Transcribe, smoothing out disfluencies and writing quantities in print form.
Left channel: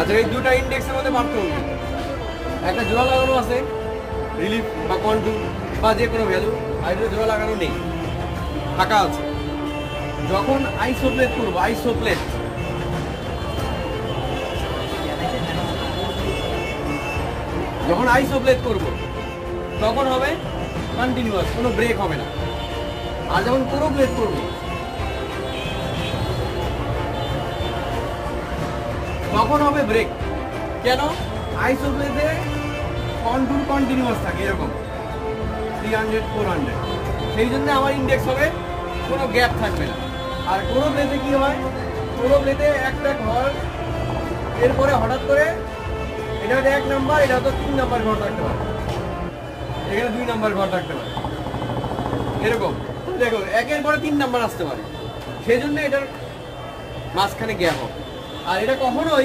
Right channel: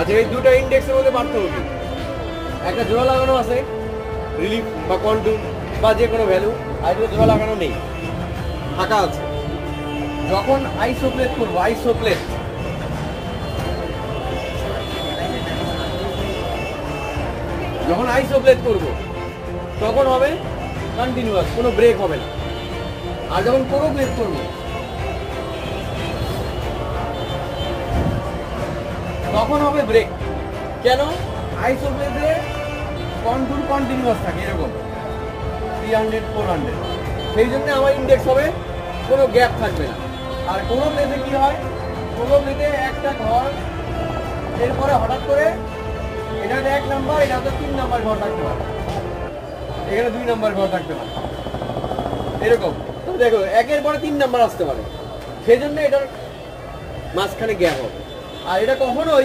আচ্ছা, এই দুটো ইন্ডেক্সের মধ্যে পার্থক্য কি? একটা জোড়া লাগানো আছে রিলিফ বা কন্টুর বা যে কোনো ভ্যালু, আর একটা জোড়া লাগানো নেই, ফাঁকা আছে। যখন আইসোপ্লেট করবো, আইসোপ্লেট যখন আইসোপ্লেট করবো তখন হবে কন্টিনিউয়াস, কোনো ব্রেক হবে না। আর যখন কোনো প্লেট করবো তখন হবে ব্রেক। কেন? আইসোপ্লেটে কন্টুর কন্টিনিউয়াস থাকে এরকম 300 400, সেই জন্য আমার ইন্ডেক্স হবে কোনো গ্যাপ থাকবে না। আর কোনো প্লেটে কি হয়, কোনো প্লেটে একটা ঘর, এরপরে হঠাৎ করে এটা 1 নাম্বার, এটা তো 3 নাম্বার ঘর থাকতে পারে, এখানে 2 নাম্বার ঘর থাকতে পারে, এরকম দেখো 1-এর পরে 3 নাম্বার আসতে পারে, সেই জন্য এটার মাঝখানে গ্যাপ হবে। আর এটা কখনোই